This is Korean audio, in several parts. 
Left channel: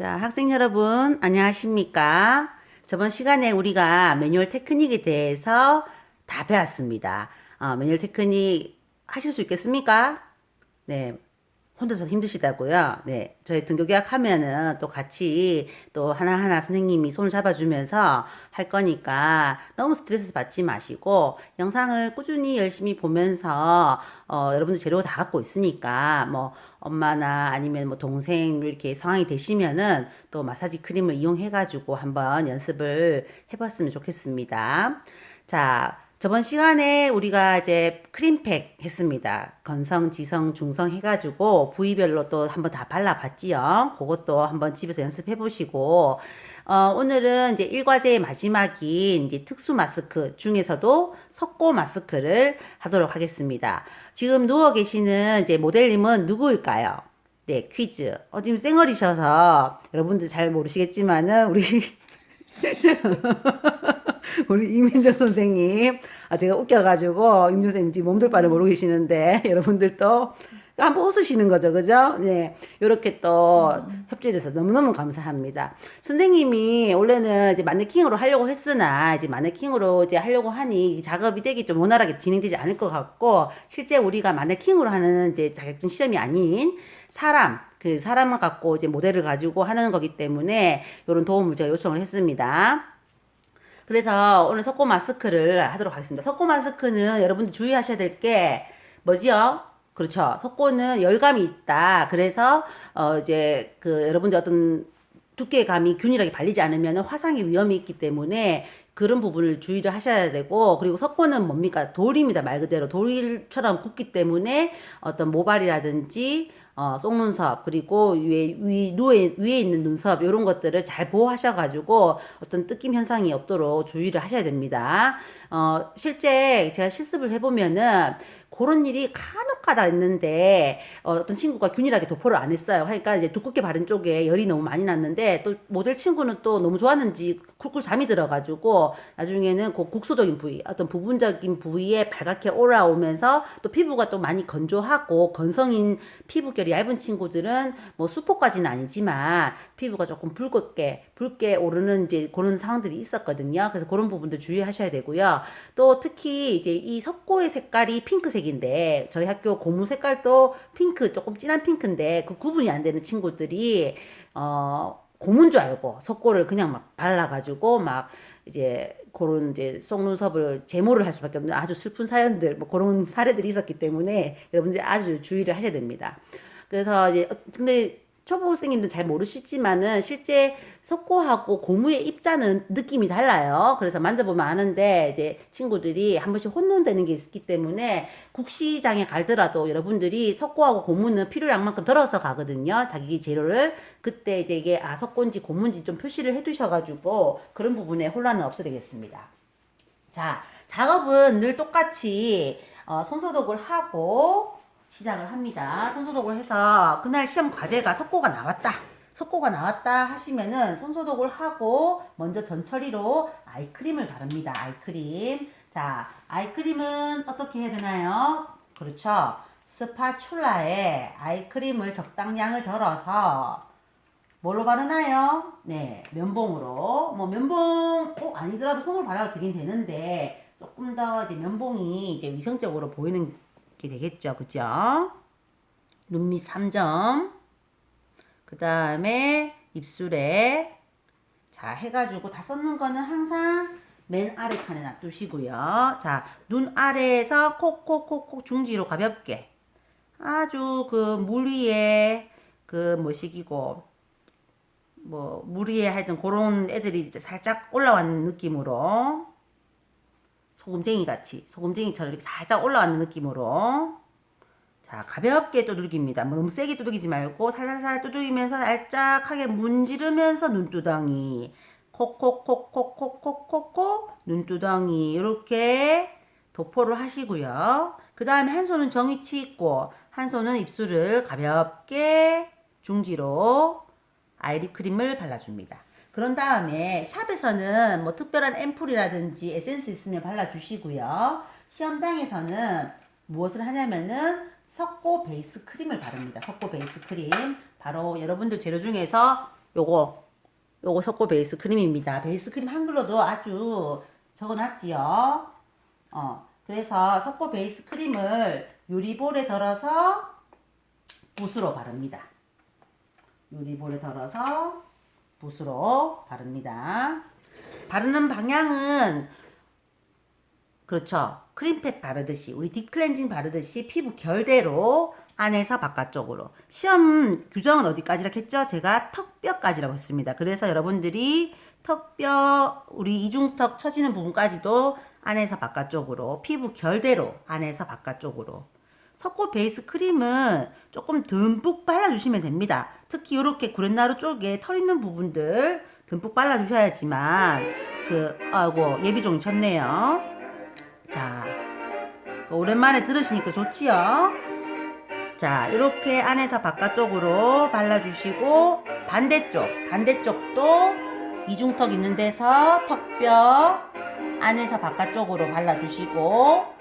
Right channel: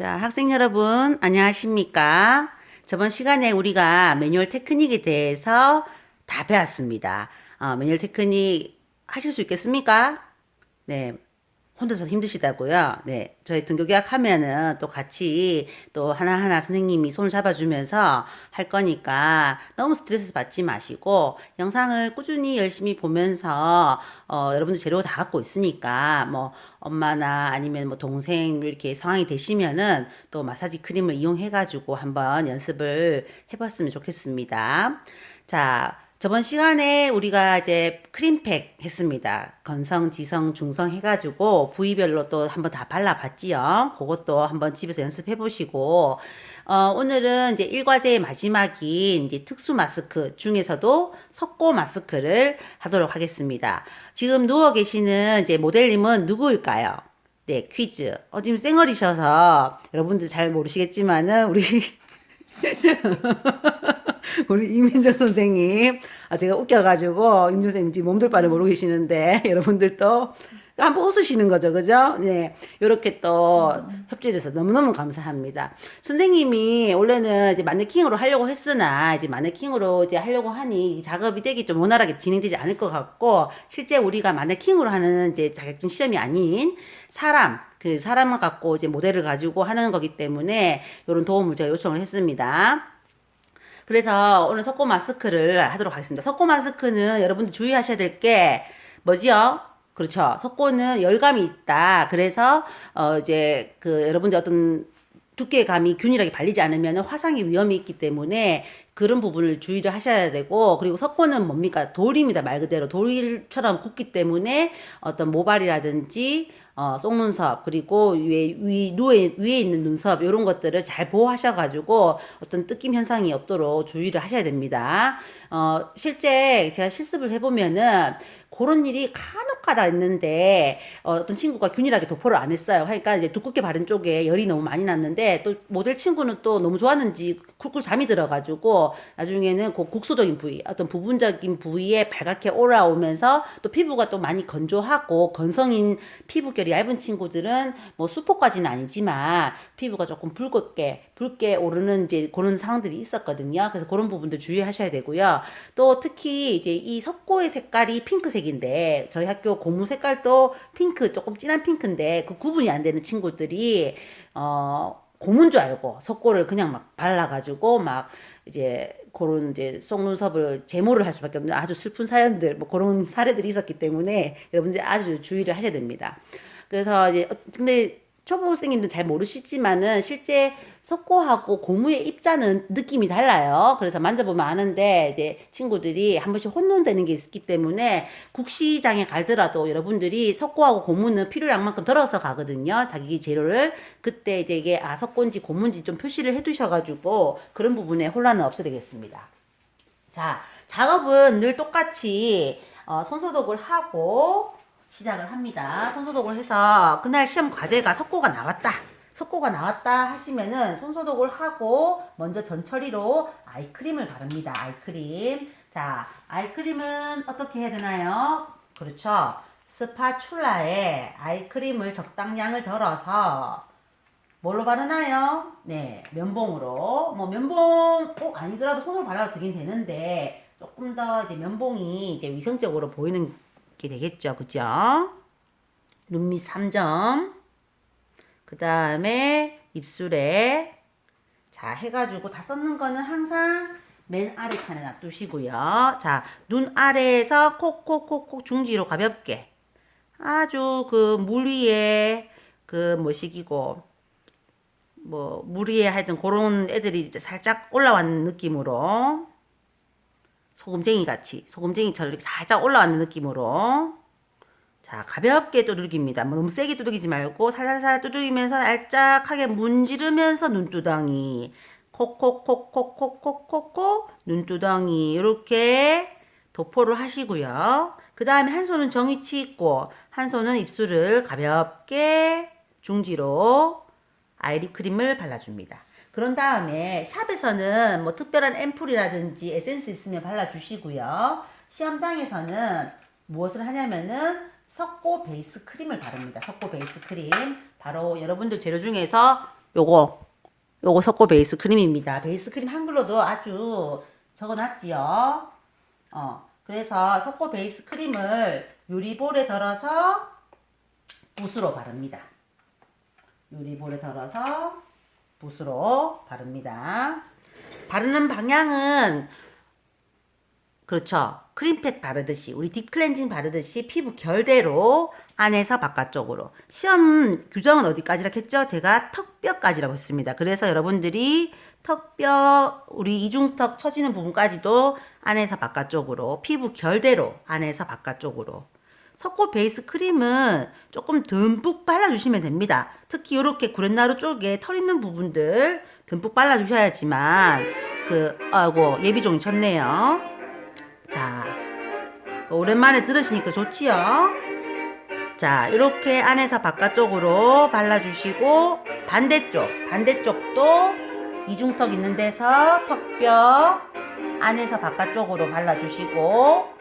자, 학생 여러분, 안녕하십니까? 저번 시간에 우리가 매뉴얼 테크닉에 대해서 다 배웠습니다. 매뉴얼 테크닉 하실 수 있겠습니까? 네, 혼자서 힘드시다고요? 네, 저희 등교계약 하면은 또 같이 또 하나하나 선생님이 손을 잡아주면서 할 거니까 너무 스트레스 받지 마시고 영상을 꾸준히 열심히 보면서 여러분들 재료 다 갖고 있으니까 뭐 엄마나 아니면 뭐 동생 이렇게 상황이 되시면은 또 마사지 크림을 이용해가지고 한번 연습을 해봤으면 좋겠습니다. 자, 저번 시간에 우리가 이제 크림팩 했습니다. 건성, 지성, 중성 해가지고 부위별로 또 한번 다 발라봤지요. 그것도 한번 집에서 연습해 보시고, 오늘은 이제 일과제의 마지막인 이제 특수 마스크 중에서도 석고 마스크를 하도록 하겠습니다. 지금 누워 계시는 이제 모델님은 누구일까요? 네, 퀴즈. 지금 쌩얼이셔서 여러분들 잘 모르시겠지만은 우리 이민정 선생님, 제가 웃겨가지고, 임정 선생님 지금 몸둘 바를 모르고 계시는데, 여러분들도 한번 웃으시는 거죠, 그죠? 네. 이렇게 또 협조해줘서 너무너무 감사합니다. 선생님이 원래는 이제 마네킹으로 하려고 했으나, 이제 마네킹으로 이제 하려고 하니 작업이 되게 좀 원활하게 진행되지 않을 것 같고, 실제 우리가 마네킹으로 하는 이제 자격증 시험이 아닌 그 사람을 갖고 이제 모델을 가지고 하는 거기 때문에, 이런 도움을 제가 요청을 했습니다. 그래서 오늘 석고 마스크를 하도록 하겠습니다. 석고 마스크는 여러분들 주의하셔야 될 게 뭐지요? 그렇죠. 석고는 열감이 있다. 그래서 이제 그 여러분들 어떤 두께감이 균일하게 발리지 않으면 화상의 위험이 있기 때문에 그런 부분을 주의를 하셔야 되고, 그리고 석고는 뭡니까? 돌입니다. 말 그대로 돌처럼 굳기 때문에 어떤 모발이라든지 속눈썹, 그리고 위에 있는 눈썹, 이런 것들을 잘 보호하셔가지고 어떤 뜯김 현상이 없도록 주의를 하셔야 됩니다. 실제 제가 실습을 해보면은 그런 일이 간혹 가다 있는데 어떤 친구가 균일하게 도포를 안 했어요. 그러니까 이제 두껍게 바른 쪽에 열이 너무 많이 났는데 또 모델 친구는 또 너무 좋았는지 쿨쿨 잠이 들어가지고 나중에는 그 국소적인 부위, 어떤 부분적인 부위에 발갛게 올라오면서 또 피부가 또 많이 건조하고 건성인 피부결이 얇은 친구들은 뭐 수포까지는 아니지만 피부가 조금 붉게 오르는 이제 그런 상황들이 있었거든요. 그래서 그런 부분들 주의하셔야 되고요. 또 특히 이제 이 석고의 색깔이 핑크색인데 저희 학교 고무 색깔도 핑크, 조금 진한 핑크인데 그 구분이 안 되는 친구들이 고무인 줄 알고 석고를 그냥 막 발라가지고 막 이제 그런 이제 속눈썹을 제모를 할 수밖에 없는 아주 슬픈 사연들, 뭐 그런 사례들이 있었기 때문에 여러분들이 아주 주의를 하셔야 됩니다. 그래서 이제 근데 초보생님들 잘 모르시지만은 실제 석고하고 고무의 입자는 느낌이 달라요. 그래서 만져보면 아는데 이제 친구들이 한 번씩 혼돈되는 게 있기 때문에 국시장에 가더라도 여러분들이 석고하고 고무는 필요량만큼 덜어서 가거든요. 자기 재료를 그때 이제 이게 석고인지 고무인지 좀 표시를 해두셔가지고 그런 부분에 혼란은 없어되겠습니다. 자, 작업은 늘 똑같이 손소독을 하고 시작을 합니다. 손소독을 해서 그날 시험 과제가 석고가 나왔다 하시면은 손소독을 하고 먼저 전처리로 아이크림을 바릅니다. 아이크림. 자, 아이크림은 어떻게 해야 되나요? 그렇죠. 스파츌라에 아이크림을 적당량을 덜어서 뭘로 바르나요? 네, 면봉으로. 뭐 면봉 꼭 아니더라도 손으로 발라도 되긴 되는데 조금 더 이제 면봉이 이제 위생적으로 보이는 게 되겠죠, 그죠? 눈 밑 3점. 그 다음에 입술에 자 해가지고 다 썼는 거는 항상 맨 아래 칸에 놔두시고요. 자, 눈 아래에서 콕콕콕콕 중지로 가볍게 아주 그 물 위에 그 뭐시기고 뭐 물 위에 하여튼 그런 애들이 이제 살짝 올라왔는 느낌으로 소금쟁이처럼 이렇게 살짝 올라왔는 느낌으로 자 가볍게 두들깁니다. 너무 세게 두들기지 말고 살살살 두들기면서 살짝하게 문지르면서 눈두덩이 콕콕콕콕콕콕콕콕 눈두덩이 이렇게 도포를 하시고요. 그 다음에 한 손은 정위치 있고 한 손은 입술을 가볍게 중지로 아이립 크림을 발라줍니다. 그런 다음에 샵에서는 뭐 특별한 앰플이라든지 에센스 있으면 발라주시고요. 시험장에서는 무엇을 하냐면은 석고 베이스 크림을 바릅니다. 석고 베이스 크림. 바로 여러분들 재료 중에서 요거 석고 베이스 크림입니다. 베이스 크림 한글로도 아주 적어놨지요. 그래서 석고 베이스 크림을 유리볼에 덜어서 붓으로 바릅니다. 유리볼에 덜어서 붓으로 바릅니다. 바르는 방향은 그렇죠. 크림팩 바르듯이 우리 딥클렌징 바르듯이 피부 결대로 안에서 바깥쪽으로. 시험 규정은 어디까지라고 했죠? 제가 턱뼈까지라고 했습니다. 그래서 여러분들이 턱뼈 우리 이중턱 처지는 부분까지도 안에서 바깥쪽으로 피부 결대로 안에서 바깥쪽으로. 석고 베이스 크림은 조금 듬뿍 발라주시면 됩니다. 특히 이렇게 구렛나루 쪽에 털 있는 부분들 듬뿍 발라주셔야지만 아이고 예비종이 쳤네요. 자, 오랜만에 들으시니까 좋지요? 자, 이렇게 안에서 바깥쪽으로 발라주시고 반대쪽도 이중턱 있는 데서 턱뼈 안에서 바깥쪽으로 발라주시고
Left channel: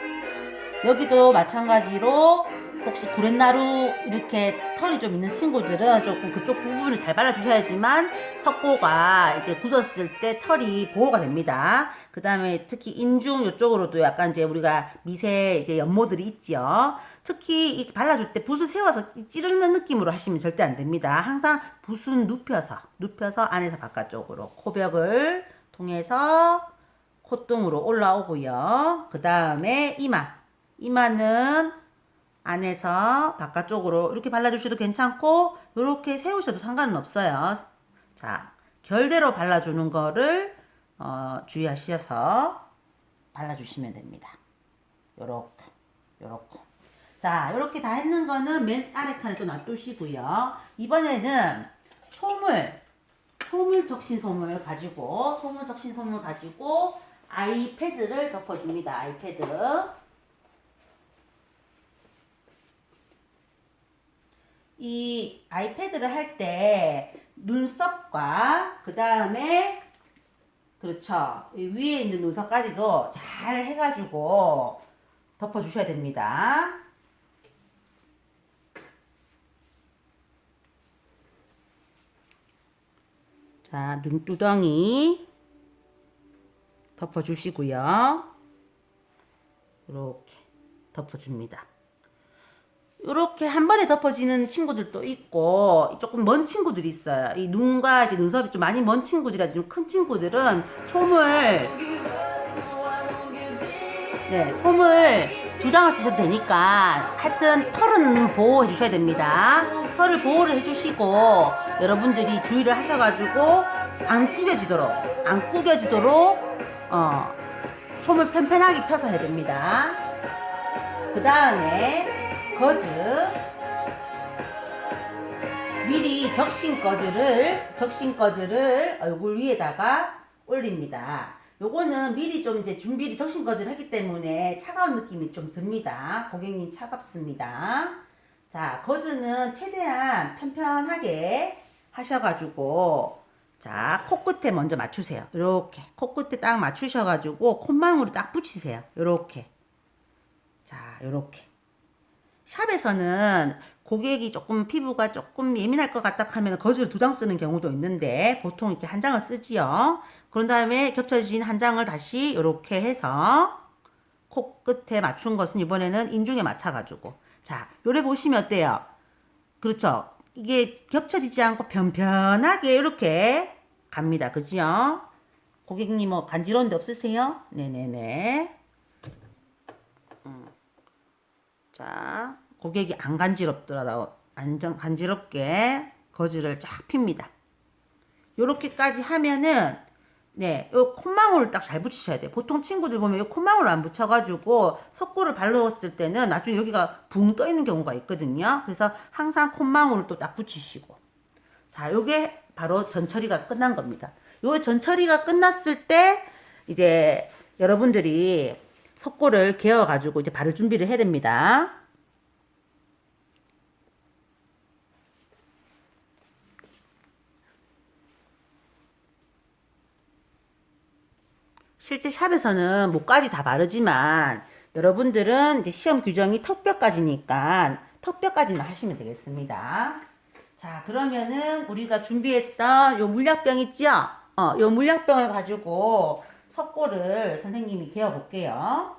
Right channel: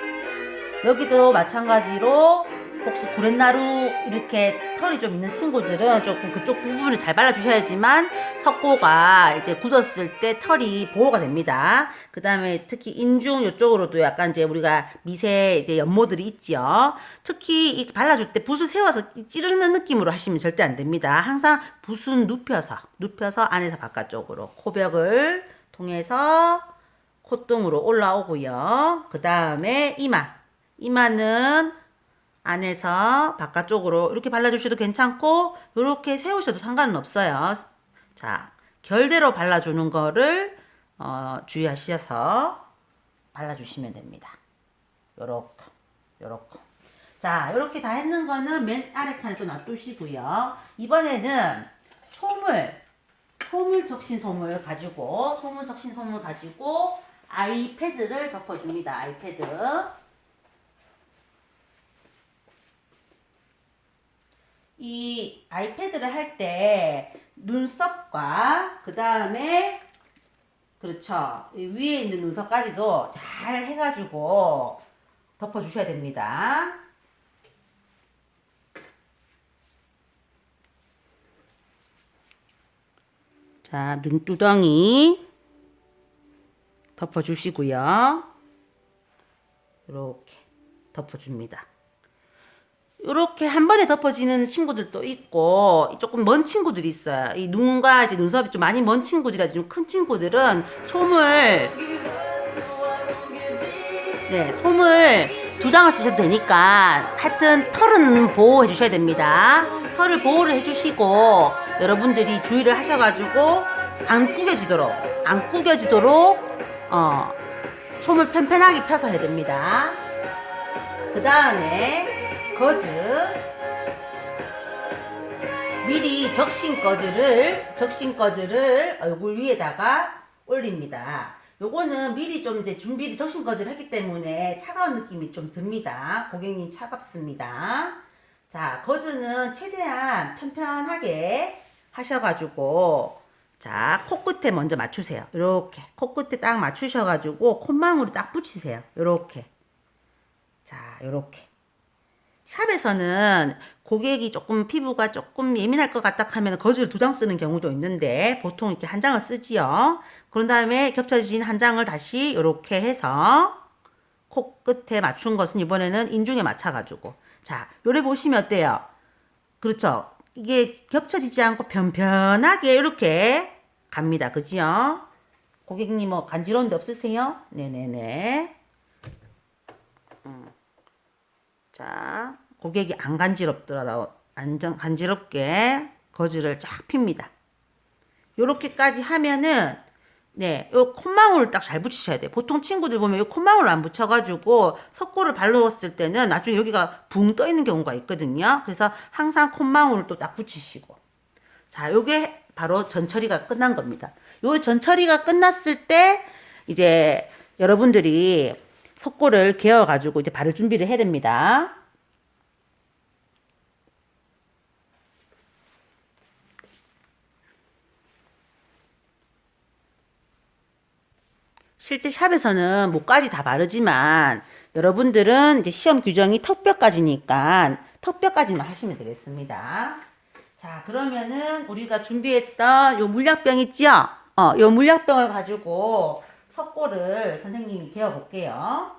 여기도 마찬가지로 혹시 구렛나루 이렇게 털이 좀 있는 친구들은 조금 그쪽 부분을 잘 발라주셔야지만 석고가 이제 굳었을 때 털이 보호가 됩니다. 그 다음에 특히 인중 이쪽으로도 약간 이제 우리가 미세 이제 연모들이 있지요. 특히 이 발라줄 때 붓을 세워서 찌르는 느낌으로 하시면 절대 안 됩니다. 항상 붓은 눕혀서 안에서 바깥쪽으로 코벽을 통해서 콧등으로 올라오고요. 그 다음에 이마는 안에서 바깥쪽으로 이렇게 발라주셔도 괜찮고 이렇게 세우셔도 상관은 없어요. 자, 결대로 발라주는 거를 주의하셔서 발라주시면 됩니다. 요렇게. 자, 요렇게 다 했는 거는 맨 아래 칸에 또 놔두시고요. 이번에는 소물 적신솜을 가지고 아이패드를 덮어줍니다. 아이패드. 이 아이패드를 할 때 눈썹과 그 다음에 그렇죠. 위에 있는 눈썹까지도 잘 해가지고 덮어주셔야 됩니다. 자, 눈두덩이 덮어주시고요. 이렇게 덮어줍니다. 이렇게 한 번에 덮어지는 친구들도 있고 조금 먼 친구들이 있어요. 이 눈과 이제 눈썹이 좀 많이 먼 친구들이라 좀 큰 친구들은 솜을 2장을 쓰셔도 되니까 하여튼 털은 보호해 주셔야 됩니다. 털을 보호를 해주시고 여러분들이 주의를 하셔가지고 안 구겨지도록 솜을 펜펜하게 펴서 해야 됩니다. 그 다음에 미리 적신 거즈를 얼굴 위에다가 올립니다. 요거는 미리 좀 이제 준비를 적신 거즈를 했기 때문에 차가운 느낌이 좀 듭니다. 고객님 차갑습니다. 자, 거즈는 최대한 편편하게 하셔가지고 자, 코끝에 먼저 맞추세요. 이렇게 코끝에 딱 맞추셔가지고 콧망울을 딱 붙이세요. 이렇게. 자, 이렇게. 샵에서는 고객이 조금 피부가 조금 예민할 것 같다 하면 거즈를 2장 쓰는 경우도 있는데 보통 이렇게 1장을 쓰지요. 그런 다음에 겹쳐진 1장을 다시 이렇게 해서 코끝에 맞춘 것은 이번에는 인중에 맞춰가지고 자, 요래 보시면 어때요? 그렇죠? 이게 겹쳐지지 않고 편편하게 이렇게 갑니다. 그지요? 고객님 뭐 간지러운 데 없으세요? 네네네. 자, 고객이 안 간지럽더라도 간지럽게 거즈를 쫙 핍니다. 요렇게까지 하면은 요 콧망울을 딱 잘 붙이셔야 돼요. 보통 친구들 보면 요 콧망울을 안 붙여가지고 석고를 발라왔을 때는 나중에 여기가 붕 떠 있는 경우가 있거든요. 그래서 항상 콧망울을 또 딱 붙이시고 자, 요게 바로 전처리가 끝난 겁니다. 요 전처리가 끝났을 때 이제 여러분들이 석고를 개어가지고 이제 바를 준비를 해야 됩니다. 실제 샵에서는 목까지 다 바르지만 여러분들은 이제 시험 규정이 턱뼈까지니까 턱뼈까지만 하시면 되겠습니다. 자, 그러면은 우리가 준비했던 요 물약병 있죠? 요 물약병을 가지고 석고를 선생님이 개어 볼게요.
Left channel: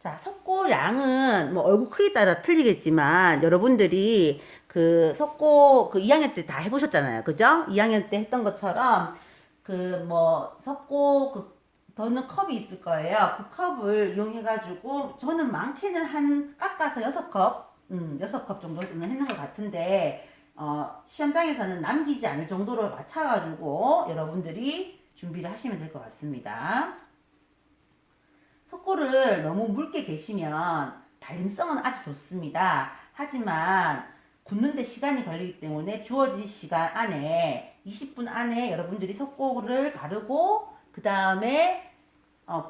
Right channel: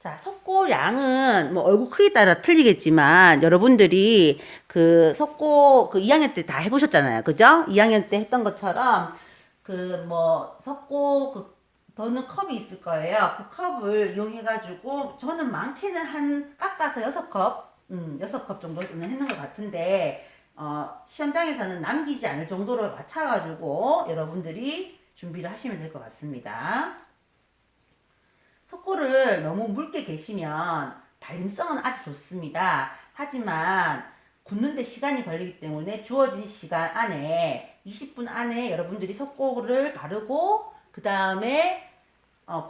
자, 석고 양은 뭐 얼굴 크기에 따라 틀리겠지만 여러분들이 그 석고 그 2학년 때 다 해보셨잖아요. 그죠? 2학년 때 했던 것처럼 그 뭐 석고 그 더는 컵이 있을 거예요. 그 컵을 이용해가지고 저는 많게는 한 깎아서 6컵, 6컵 정도는 했는 것 같은데 시험장에서는 남기지 않을 정도로 맞춰가지고 여러분들이 준비를 하시면 될 것 같습니다. 석고를 너무 묽게 계시면 발림성은 아주 좋습니다. 하지만 굳는데 시간이 걸리기 때문에 주어진 시간 안에 20분 안에 여러분들이 석고를 바르고 그 다음에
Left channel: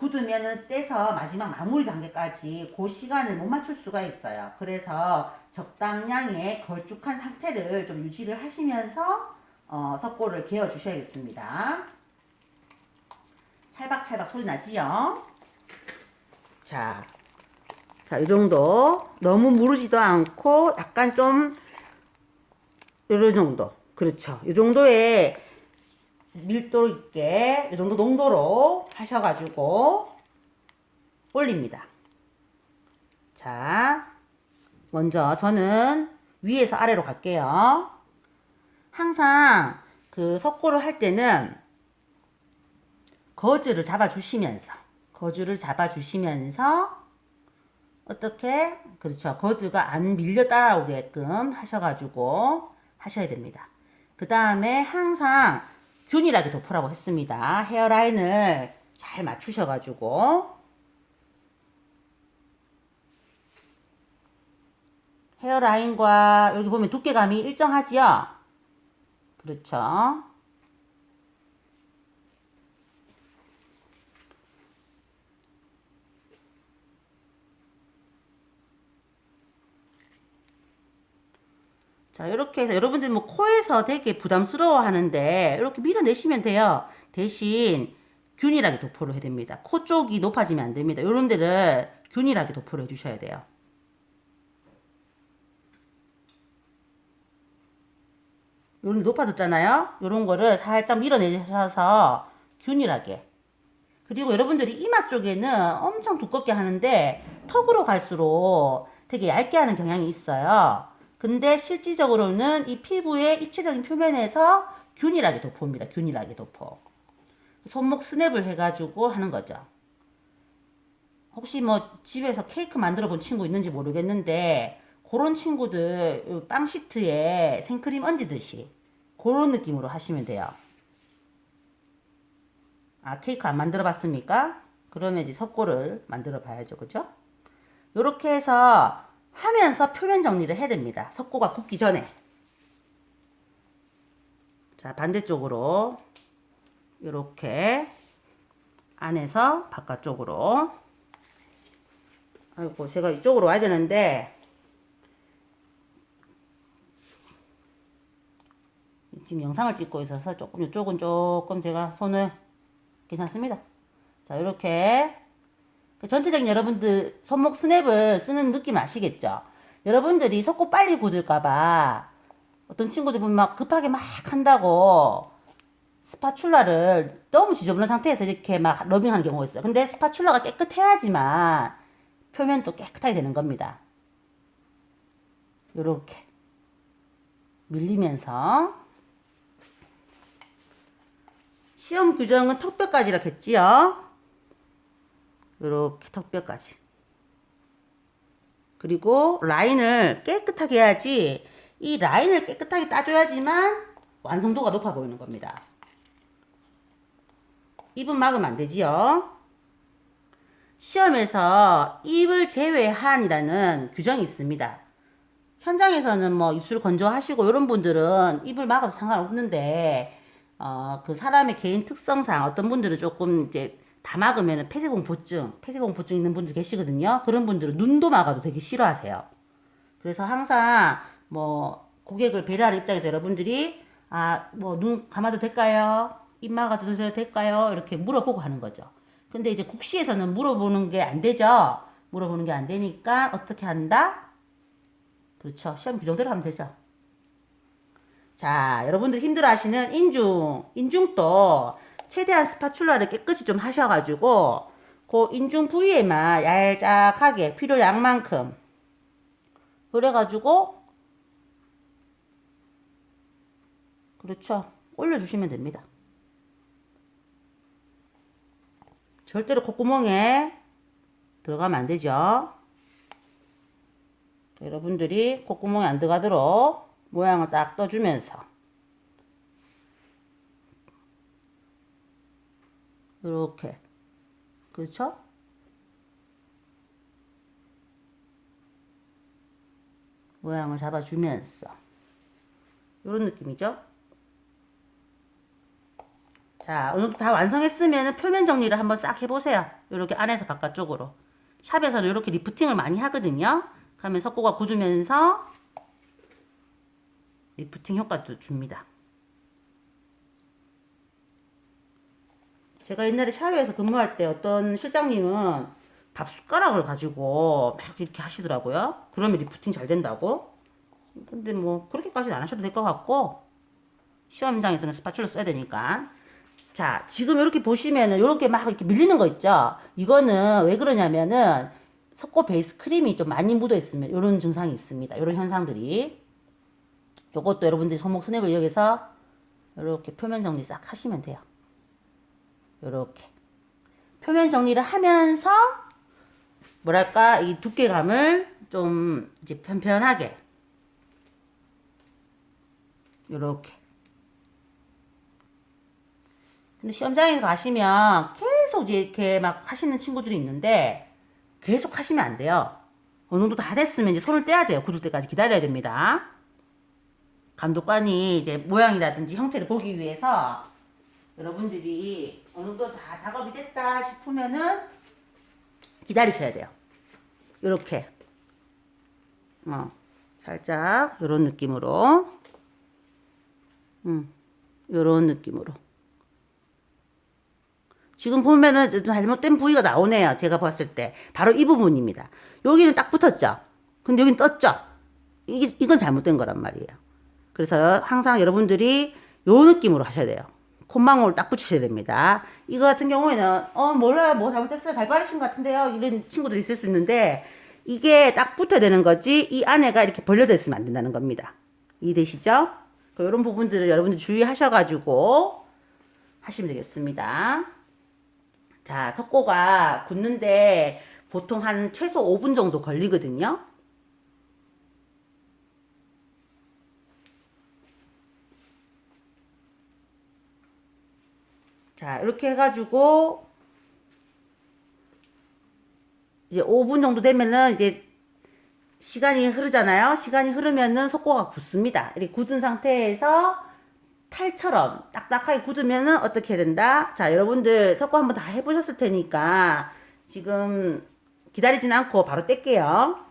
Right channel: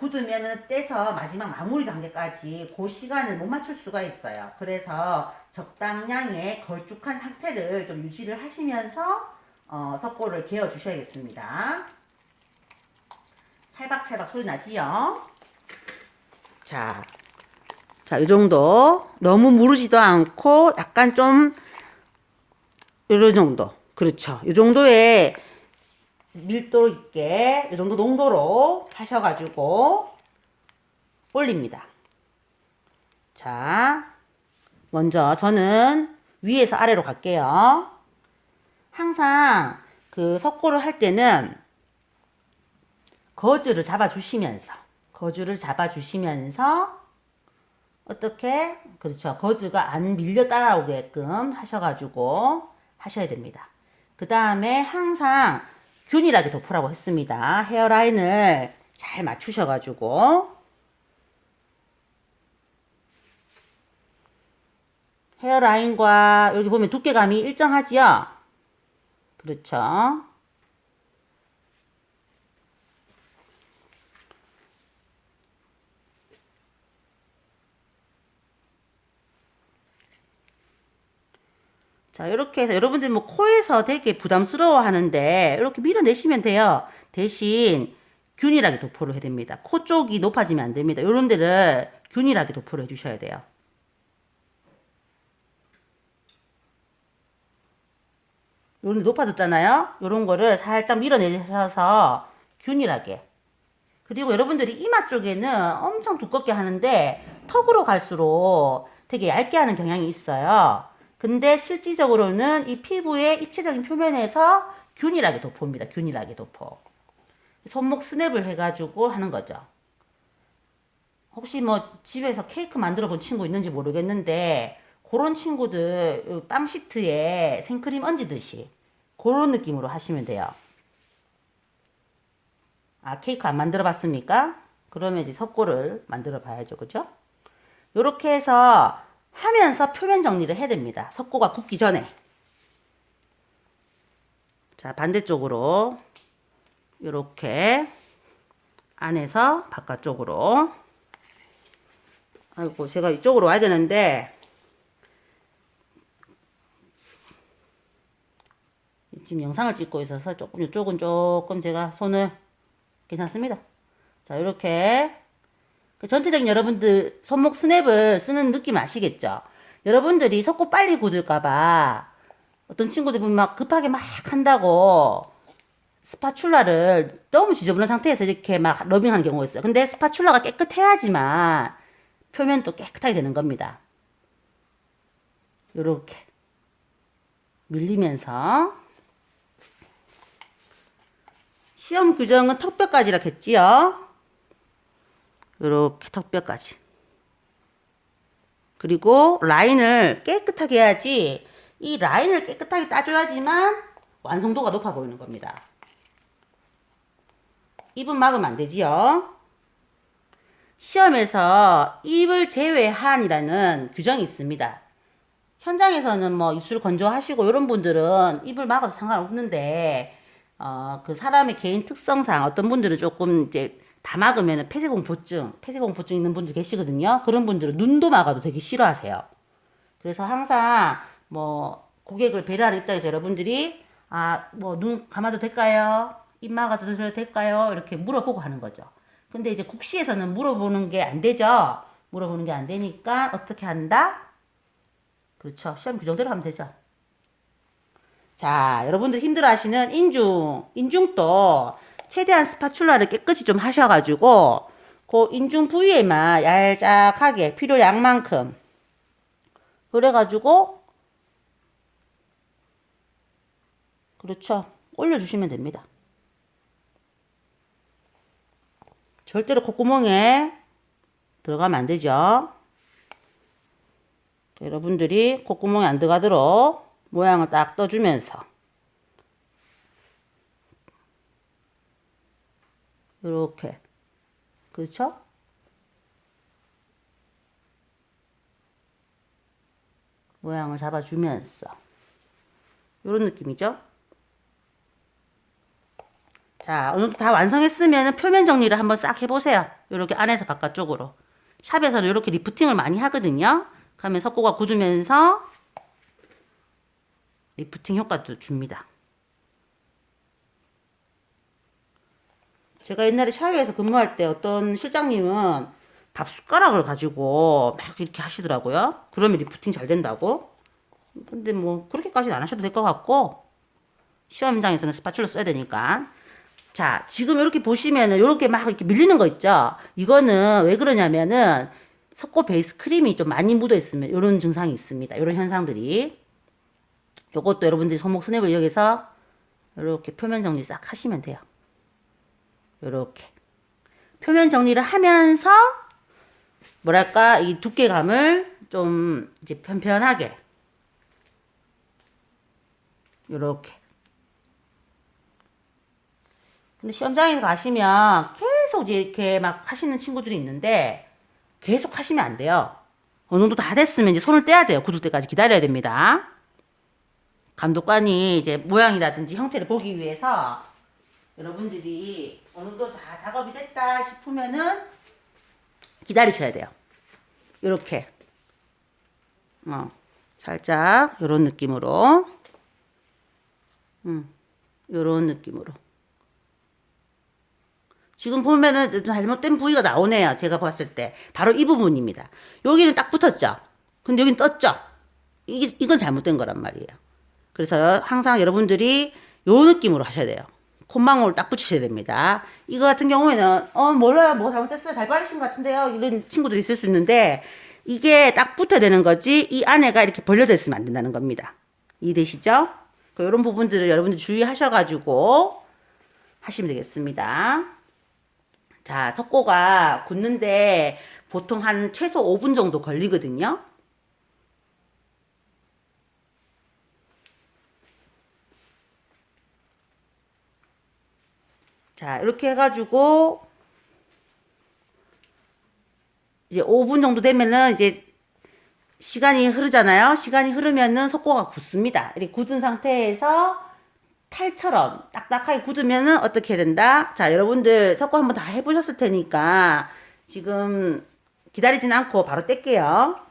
굳으면 떼서 마지막 마무리 단계까지 그 시간을 못 맞출 수가 있어요. 그래서 적당량의 걸쭉한 상태를 좀 유지를 하시면서 석고를 개어 주셔야겠습니다. 찰박찰박 소리 나지요? 자, 자, 이 정도. 너무 무르지도 않고 약간 좀 이런 정도. 그렇죠. 이 정도의 밀도 있게 이 정도 농도로 하셔가지고 올립니다. 자, 먼저 저는 위에서 아래로 갈게요. 항상 그 석고를 할 때는 거즈를 잡아주시면서 어떻게 그렇죠. 거즈가 안 밀려 따라오게끔 하셔가지고 하셔야 됩니다. 그 다음에 항상 균일하게 덮으라고 했습니다. 헤어라인을 잘 맞추셔가지고 헤어라인과 여기 보면 두께감이 일정하지요? 그렇죠. 자, 이렇게 해서 여러분들 뭐 코에서 되게 부담스러워 하는데 이렇게 밀어내시면 돼요. 대신 균일하게 도포를 해야 됩니다. 코 쪽이 높아지면 안 됩니다. 이런 데를 균일하게 도포를 해주셔야 돼요. 요런 데 높아졌잖아요. 요런 거를 살짝 밀어내셔서 균일하게. 그리고 여러분들이 이마 쪽에는 엄청 두껍게 하는데 턱으로 갈수록 되게 얇게 하는 경향이 있어요. 근데 실질적으로는 이 피부의 입체적인 표면에서 균일하게 도포입니다. 균일하게 도포. 손목 스냅을 해가지고 하는 거죠. 혹시 뭐 집에서 케이크 만들어 본 친구 있는지 모르겠는데 그런 친구들 빵 시트에 생크림 얹듯이 그런 느낌으로 하시면 돼요. 아, 케이크 안 만들어 봤습니까? 그러면 이제 석고를 만들어 봐야죠. 그죠? 요렇게 해서 하면서 표면 정리를 해야 됩니다. 석고가 굳기 전에. 자, 반대쪽으로 요렇게 안에서 바깥쪽으로. 아이고, 제가 이쪽으로 와야 되는데 지금 영상을 찍고 있어서 조금 이쪽은 조금 제가 손을 괜찮습니다. 자, 이렇게 전체적인 여러분들 손목 스냅을 쓰는 느낌 아시겠죠? 여러분들이 석고 빨리 굳을까봐 어떤 친구들 보면 막 급하게 막 한다고 스파츌라를 너무 지저분한 상태에서 이렇게 막 러빙하는 경우가 있어요. 근데 스파츌라가 깨끗해야지만 표면도 깨끗하게 되는 겁니다. 요렇게 밀리면서 시험 규정은 턱뼈까지라 했지요. 요렇게 턱뼈까지. 그리고 라인을 깨끗하게 해야지 이 라인을 깨끗하게 따줘야지만 완성도가 높아 보이는 겁니다. 입은 막으면 안 되지요. 시험에서 입을 제외한이라는 규정이 있습니다. 현장에서는 뭐 입술 건조하시고 이런 분들은 입을 막아도 상관없는데 그 사람의 개인 특성상 어떤 분들은 조금 이제 다 막으면 폐쇄공포증 있는 분들 계시거든요. 그런 분들은 눈도 막아도 되게 싫어하세요. 그래서 항상 뭐 고객을 배려하는 입장에서 여러분들이 뭐 눈 감아도 될까요? 입 막아도 될까요? 이렇게 물어보고 하는 거죠. 근데 이제 국시에서는 물어보는 게 안 되죠. 물어보는 게 안 되니까 어떻게 한다? 그렇죠. 시험 규정대로 하면 되죠. 자, 여러분들 힘들어 하시는 인중도 최대한 스파츌라를 깨끗이 좀 하셔가지고, 그 인중 부위에만 얄짝하게 필요량만큼. 그래가지고, 그렇죠. 올려주시면 됩니다. 절대로 콧구멍에 들어가면 안 되죠. 여러분들이 콧구멍에 안 들어가도록 모양을 딱 떠주면서 이렇게, 그렇죠? 모양을 잡아주면서 이런 느낌이죠. 자, 오늘 다 완성했으면 표면 정리를 한번 싹 해보세요. 이렇게 안에서 바깥쪽으로. 샵에서는 이렇게 리프팅을 많이 하거든요. 그러면 석고가 굳으면서 리프팅 효과도 줍니다. 제가 옛날에 샤워에서 근무할 때 어떤 실장님은 밥 숟가락을 가지고 막 이렇게 하시더라고요. 그러면 리프팅 잘 된다고. 근데 뭐 그렇게까지는 안 하셔도 될 것 같고, 시험 현장에서는 스파츌러 써야 되니까. 자, 지금 이렇게 보시면은 이렇게 막 이렇게 밀리는 거 있죠? 이거는 왜 그러냐면은 석고 베이스 크림이 좀 많이 묻어 있으면 이런 증상이 있습니다. 이런 현상들이. 요것도 여러분들이 손목 스냅을 이용해서 이렇게 표면 정리 싹 하시면 돼요. 이렇게 표면 정리를 하면서 뭐랄까 이 두께감을 좀 이제 편편하게 이렇게. 근데 시험장에 가시면 계속 이렇게 막 하시는 친구들이 있는데 계속 하시면 안 돼요. 어느 정도 다 됐으면 이제 손을 떼야 돼요. 굳을 때까지 기다려야 됩니다. 감독관이 이제 모양이라든지 형태를 보기 위해서 여러분들이 어느 정도 다 작업이 됐다 싶으면은 기다리셔야 돼요. 이렇게 살짝 요런 느낌으로 요런 느낌으로. 지금 보면은 좀 잘못된 부위가 나오네요. 제가 봤을 때 바로 이 부분입니다. 여기는 딱 붙었죠. 근데 여기는 떴죠. 이건 잘못된 거란 말이에요. 그래서 항상 여러분들이 요 느낌으로 하셔야 돼요. 콧망울을 딱 붙이셔야 됩니다. 이거 같은 경우에는 몰라요, 뭐 잘못됐어요, 잘 바르신 것 같은데요, 이런 친구들이 있을 수 있는데 이게 딱 붙어야 되는 거지 이 안에가 이렇게 벌려져 있으면 안 된다는 겁니다. 이해되시죠? 이런 부분들을 여러분들 주의하셔가지고 하시면 되겠습니다. 자, 석고가 굳는데 보통 한 최소 5분 정도 걸리거든요. 자, 이렇게 해가지고 이제 5분 정도 되면은 이제 시간이 흐르잖아요. 시간이 흐르면은 석고가 굳습니다. 이렇게 굳은 상태에서 탈처럼 딱딱하게 굳으면은 어떻게 해야 된다? 자, 여러분들 석고 한번 다 해보셨을 테니까 지금 기다리진 않고 바로 뗄게요.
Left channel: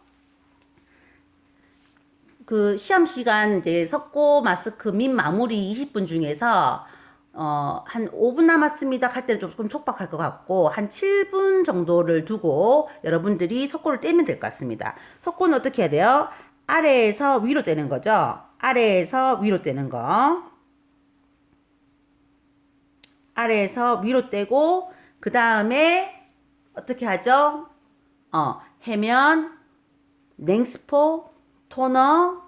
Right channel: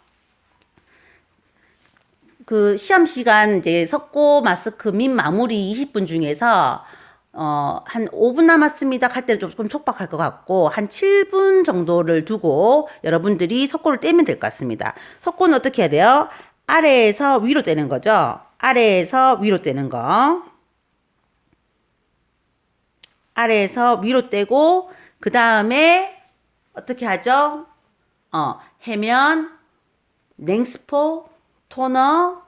그 시험 시간 이제 석고 마스크 민 마무리 20분 중에서 한 5분 남았습니다 할 때는 조금 촉박할 것 같고 한 7분 정도를 두고 여러분들이 석고를 떼면 될 것 같습니다. 석고는 어떻게 해야 돼요? 아래에서 위로 떼는 거죠. 아래에서 위로 떼는 거. 아래에서 위로 떼고 그 다음에 어떻게 하죠? 해면, 냉스포, 토너,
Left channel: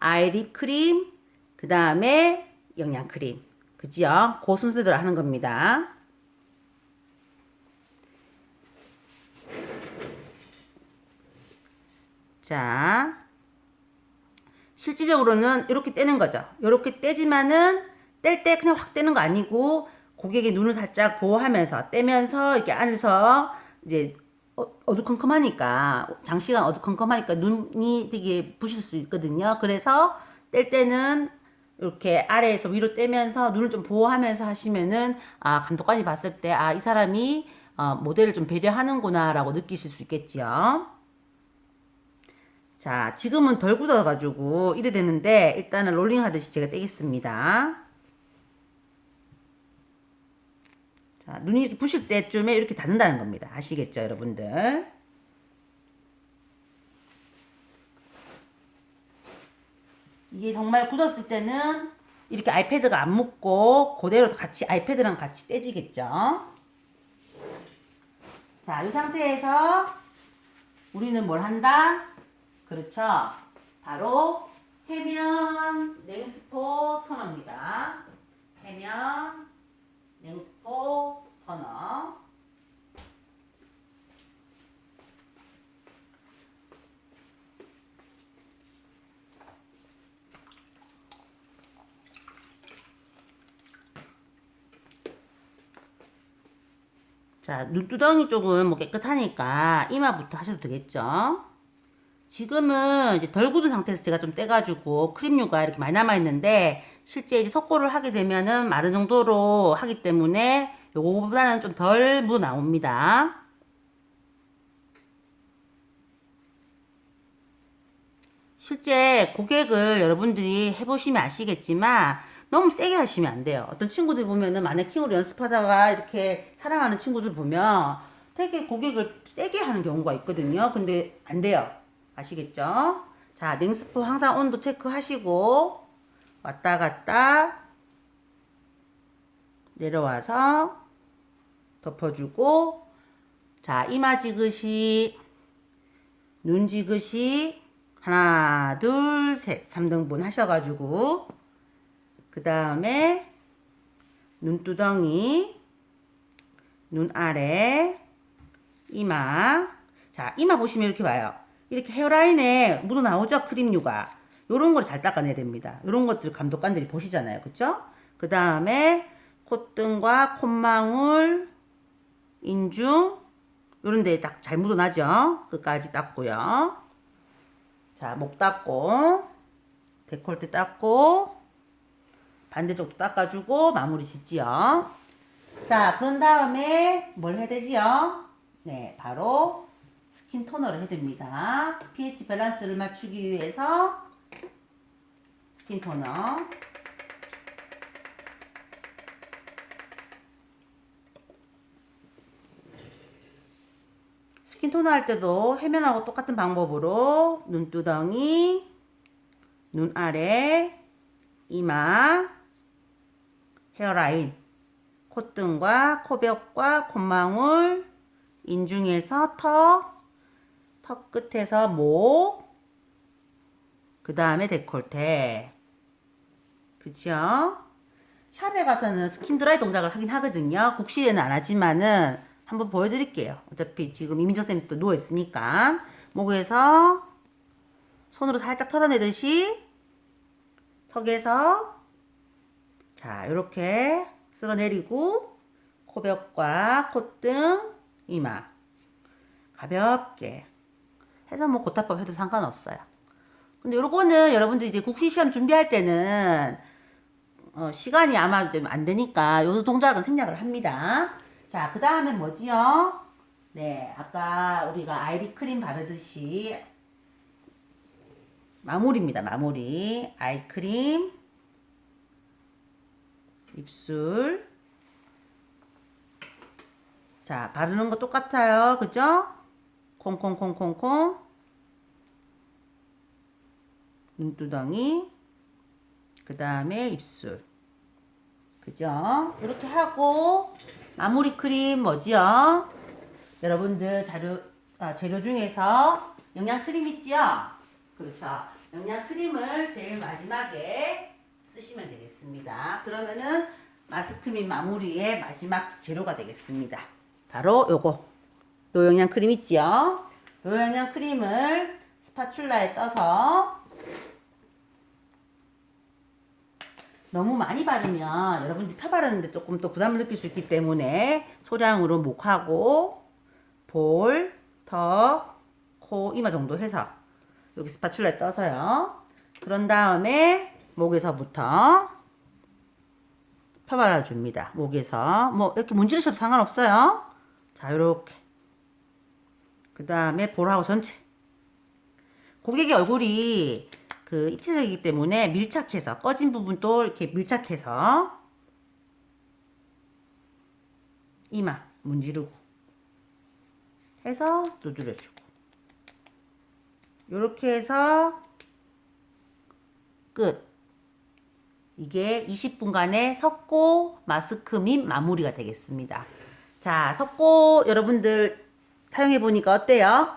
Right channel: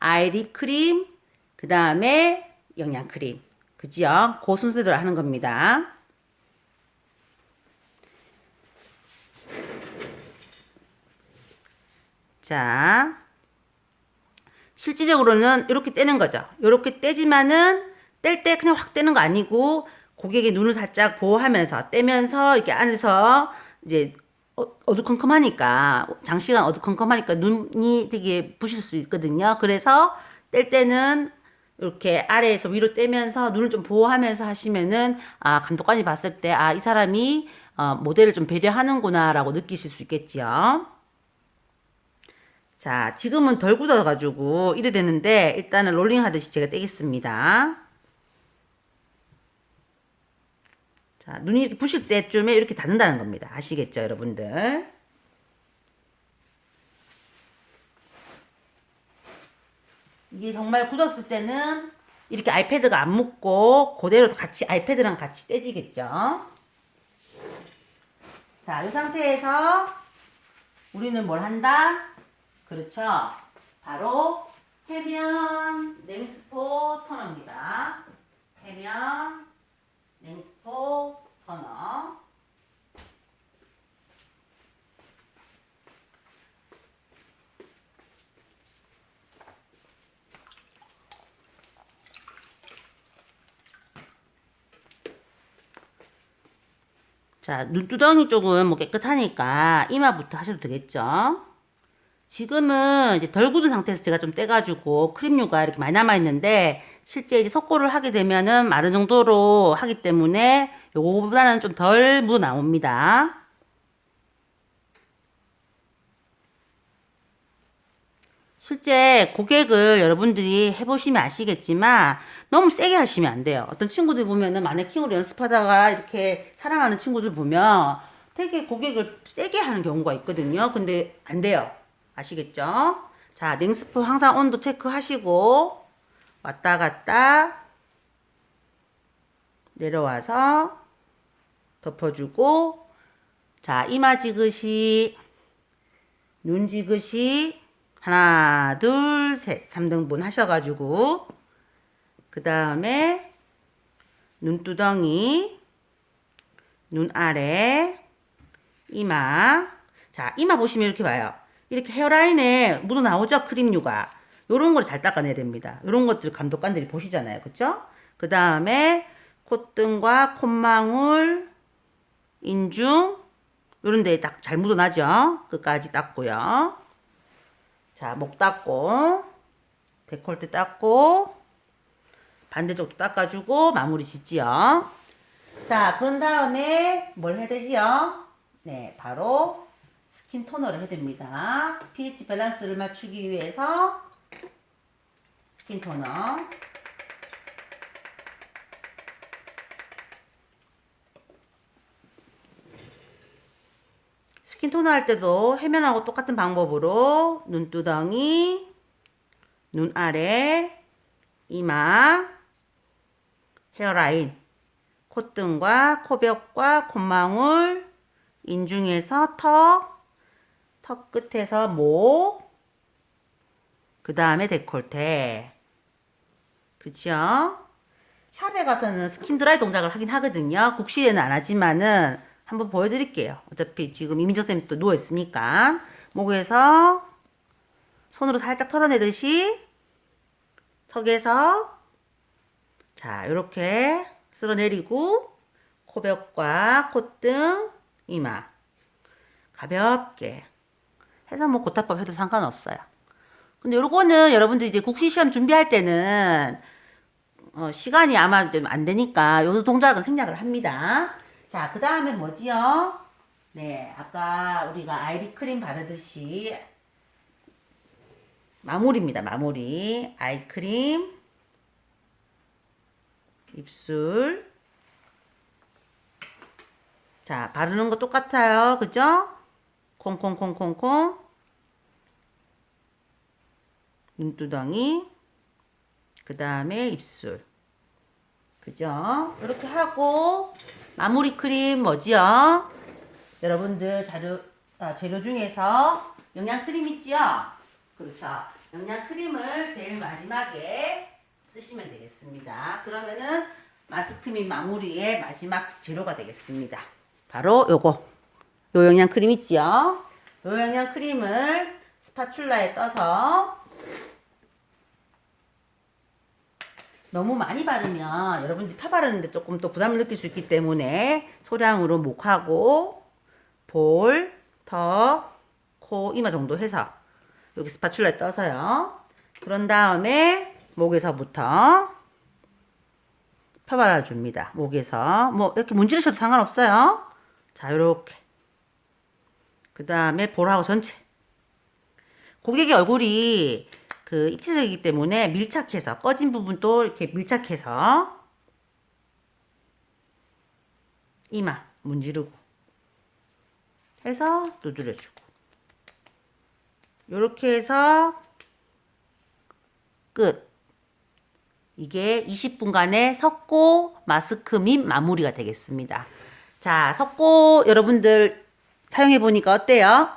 아이립 크림, 그 다음에 영양 크림. 그지요? 그 순서대로 하는 겁니다. 자, 실질적으로는 이렇게 떼는 거죠. 이렇게 떼지만은 뗄 때 그냥 확 떼는 거 아니고 고객의 눈을 살짝 보호하면서 떼면서 이렇게 안에서 이제 어두컴컴하니까 장시간 어두컴컴하니까 눈이 되게 부실 수 있거든요. 그래서 뗄 때는 이렇게 아래에서 위로 떼면서 눈을 좀 보호하면서 하시면은 감독관이 봤을 때 이 사람이 모델을 좀 배려하는구나라고 느끼실 수 있겠지요. 자, 지금은 덜 굳어가지고 이래 되는데 일단은 롤링 하듯이 제가 떼겠습니다. 자, 눈이 이렇게 부실 때쯤에 이렇게 닫는다는 겁니다. 아시겠죠, 여러분들? 이게 정말 굳었을 때는 이렇게 아이패드가 안 묻고 그대로 같이 아이패드랑 같이 떼지겠죠. 자, 이 상태에서 우리는 뭘 한다? 그렇죠. 바로 해면 냉스포 토너입니다. 해면 냉스포 토너. 자, 눈두덩이 쪽은 뭐 깨끗하니까 이마부터 하셔도 되겠죠? 지금은 이제 덜 굳은 상태에서 제가 좀 떼가지고 크림류가 이렇게 많이 남아있는데 실제 이제 석고를 하게 되면은 마른 정도로 하기 때문에 요거보다는 좀 덜 묻어 나옵니다. 실제 고객을 여러분들이 해보시면 아시겠지만 너무 세게 하시면 안 돼요. 어떤 친구들 보면은 마네킹으로 연습하다가 이렇게 사랑하는 친구들 보면 되게 고객을 세게 하는 경우가 있거든요. 근데 안 돼요. 아시겠죠? 자, 냉스프 항상 온도 체크하시고 왔다 갔다 내려와서 덮어주고 자, 이마 지그시 눈 지그시 하나, 둘, 셋. 3등분 하셔가지고 그 다음에 눈두덩이 눈 아래 이마 자 이마 보시면 이렇게 봐요. 이렇게 헤어라인에 묻어 나오죠. 크림류가 요런 걸 잘 닦아내야 됩니다. 요런 것들 감독관들이 보시잖아요. 그쵸? 그 다음에 콧등과 콧망울 인중 요런 데에 딱 잘 묻어나죠. 끝까지 닦고요. 자, 목 닦고 데콜테 닦고 반대쪽도 닦아주고 마무리 짓지요. 자, 그런 다음에 뭘 해야 되지요? 네, 바로 스킨 토너를 해야 됩니다. pH 밸런스를 맞추기 위해서 스킨 토너. 스킨 토너 할 때도 해면하고 똑같은 방법으로 눈두덩이, 눈 아래, 이마, 헤어라인, 콧등과 코벽과 콧망울, 인중에서 턱 끝에서 목, 그 다음에 데콜테. 그쵸? 샵에 가서는 스킨 드라이 동작을 하긴 하거든요. 국시에는 안 하지만은 한번 보여드릴게요. 어차피 지금 이민정 쌤이 또 누워있으니까. 목에서 손으로 살짝 털어내듯이 턱에서 자, 요렇게 쓸어내리고 코벽과 콧등, 이마 가볍게 해서 뭐 고타법 해도 상관없어요. 근데 요거는 여러분들 이제 국시 시험 준비할 때는 시간이 아마 좀 안 되니까 요 동작은 생략을 합니다. 자, 그 다음에 뭐지요? 네, 아까 우리가 아이비 크림 바르듯이 마무리입니다. 마무리. 아이크림, 입술. 자, 바르는 거 똑같아요. 그죠? 콩콩콩콩콩. 눈두덩이. 그 다음에 입술. 그죠? 이렇게 하고 마무리 크림 뭐지요? 여러분들 재료 중에서 영양 크림 있지요? 그렇죠. 영양 크림을 제일 마지막에 쓰시면 되겠습니다. 그러면은 마스크 및 마무리의 마지막 재료가 되겠습니다. 바로 요거. 요 영양 크림 있지요? 요 영양 크림을 스파츌라에 떠서 너무 많이 바르면 여러분들이 펴 바르는데 조금 또 부담을 느낄 수 있기 때문에 소량으로 목하고 볼, 턱, 코, 이마 정도 해서 여기 스파츌라에 떠서요. 그런 다음에 목에서부터 펴 발라줍니다. 목에서 뭐 이렇게 문지르셔도 상관없어요. 자, 요렇게 그 다음에 볼하고 전체 고객의 얼굴이 그 입체적이기 때문에 밀착해서 꺼진 부분도 이렇게 밀착해서 이마 문지르고 해서 두드려주고 요렇게 해서 끝. 이게 20분간의 석고 마스크 및 마무리가 되겠습니다. 자, 석고 여러분들 사용해 보니까 어때요?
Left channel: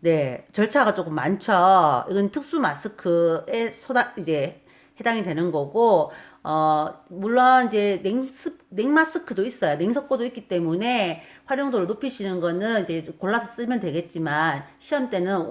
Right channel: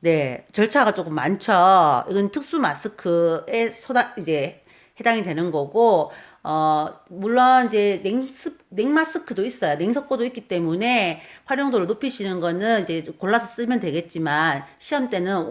네, 절차가 조금 많죠. 이건 특수 마스크에 이제 해당이 되는 거고, 물론 이제 냉마스크도 있어요. 냉석고도 있기 때문에 활용도를 높이시는 거는 이제 골라서 쓰면 되겠지만, 시험 때는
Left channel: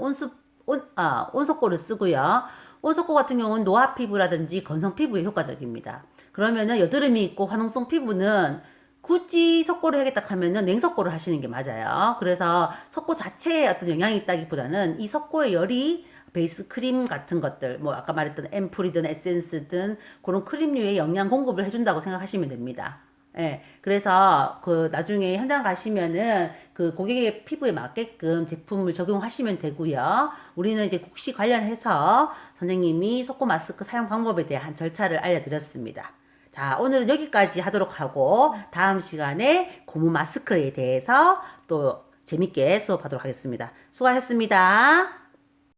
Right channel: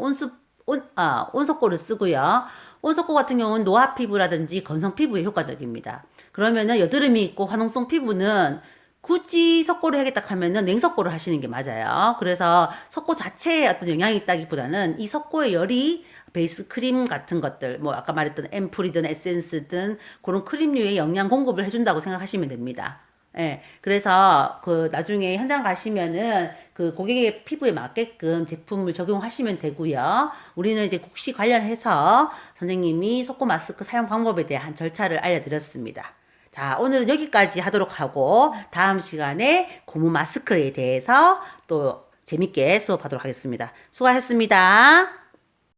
온석고를 쓰고요. 온석고 같은 경우는 노화 피부라든지 건성 피부에 효과적입니다. 그러면은 여드름이 있고 화농성 피부는 굳이 석고를 하겠다 하면은 냉석고를 하시는 게 맞아요. 그래서 석고 자체에 어떤 영향이 있다기보다는 이 석고의 열이 베이스 크림 같은 것들, 뭐 아까 말했던 앰플이든 에센스든 그런 크림류의 영양 공급을 해준다고 생각하시면 됩니다. 예. 그래서 그 나중에 현장 가시면은 그 고객의 피부에 맞게끔 제품을 적용하시면 되고요. 우리는 이제 국시 관련해서 선생님이 석고 마스크 사용 방법에 대한 절차를 알려드렸습니다. 자, 오늘은 여기까지 하도록 하고 다음 시간에 고무 마스크에 대해서 또 재밌게 수업하도록 하겠습니다. 수고하셨습니다.